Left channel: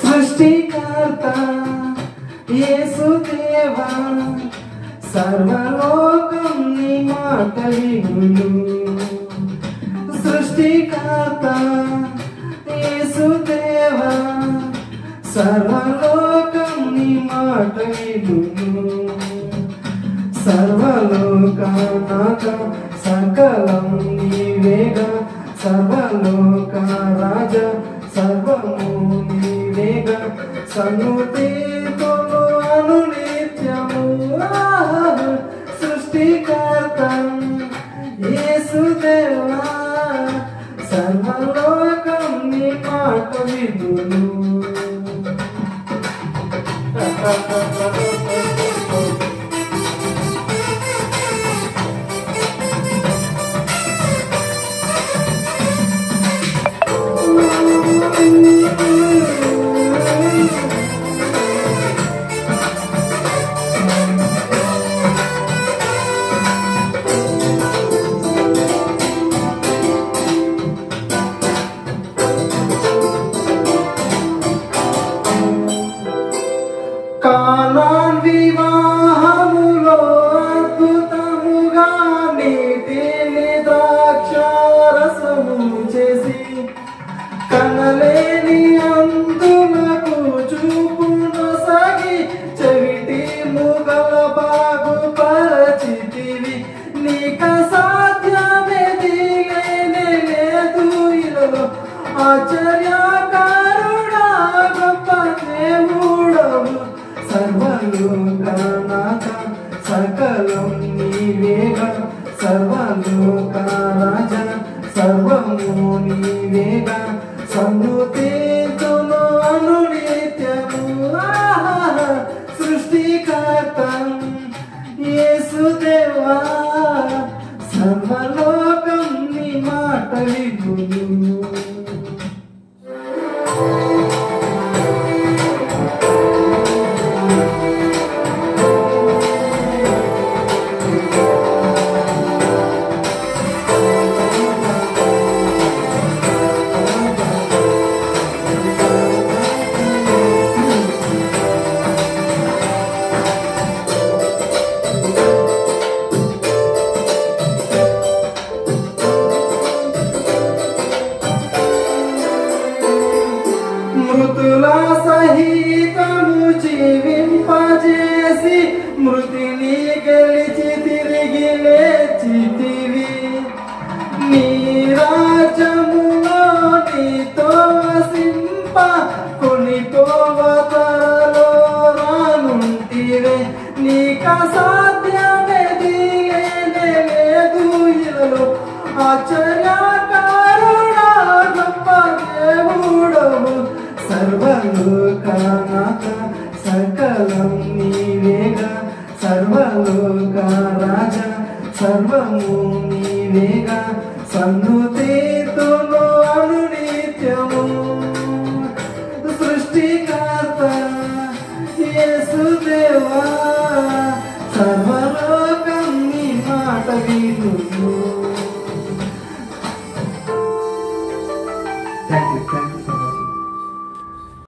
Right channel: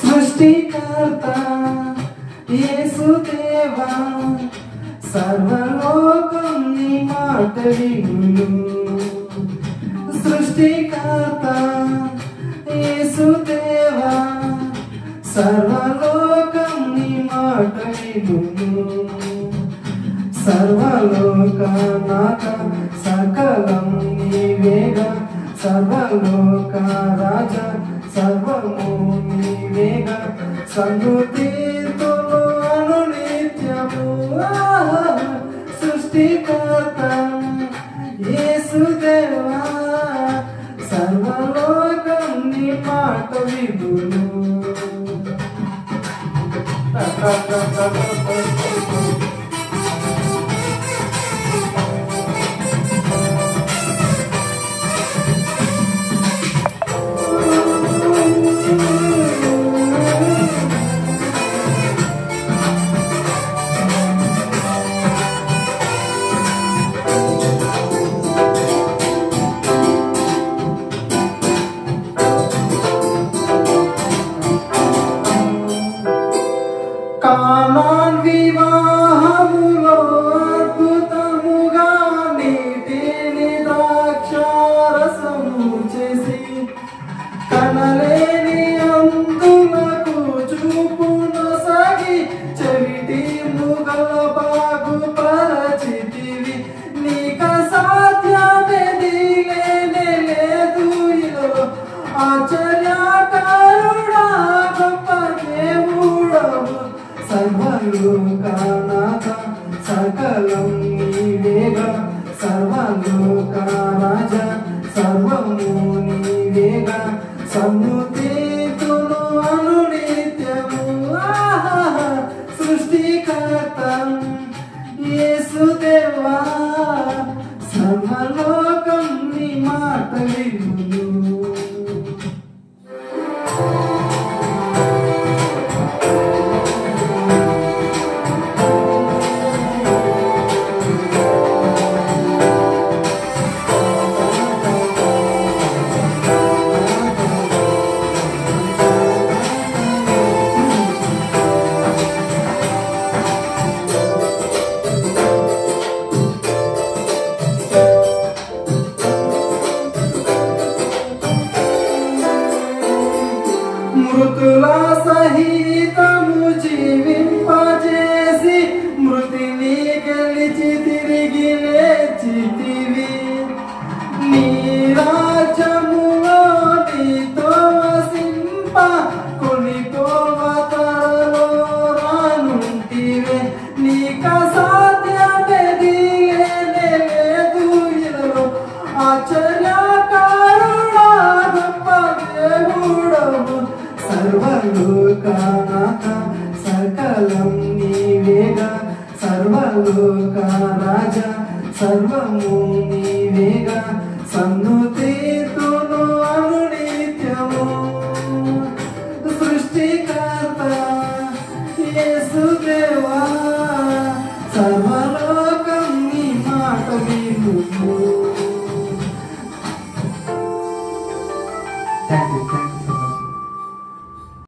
సృష్టికర్త యేసుదేవా సర్వలోకం నీ మాట వినును. సృష్టికర్త యేసుదేవా సర్వలోకం నీ మాట వినును. సర్వలోకనాథ సకలం నీవేగా సర్వలోక రాజ సర్వము నీవేగా సన్నుతితులు అనునిత్యము. సృష్టికర్త యేసుదేవా సర్వలోకం నీ మాట వినును. కానాన్ వివాహములో అద్భుతముగా నీటిని ద్రాక్షారసము చేసి కనలేని అందులకు చూపునొసగి చెవిటి ముగల బాగుపరచితివి. నీక సాధ్యమేది లేనే లేదు ఇలలో ఆశ్చర్యకారుడా గొప్ప దేవుడవు. సర్వలోకనాథ సకలం నీవేగా సర్వలోక రాజ సర్వము నీవేగా సమృద్ధితును అనునిత్యము. సృష్టికర్త యేసుదేవా సర్వలోకం నీ మాట వినును. మృతుల సహితము జీవింపజేసి మృతిని గెలిచి తిరిగి లేచితివి. నీ రాజ్యములో నీతో వసింప కొనిపోవ త్వరలో రానుంటివే. నీక సాధ్యమేది లేనే లేదు ఇలలో ఆశ్చర్యకారుడా గొప్ప దేవుడవు. సర్వలోకనాథ సకలం నీవేగా సర్వలోక రాజ సర్వము నీవేగా సన్నుతితును అనునిత్యము. సృష్టికర్త యేసుదేవా సర్వ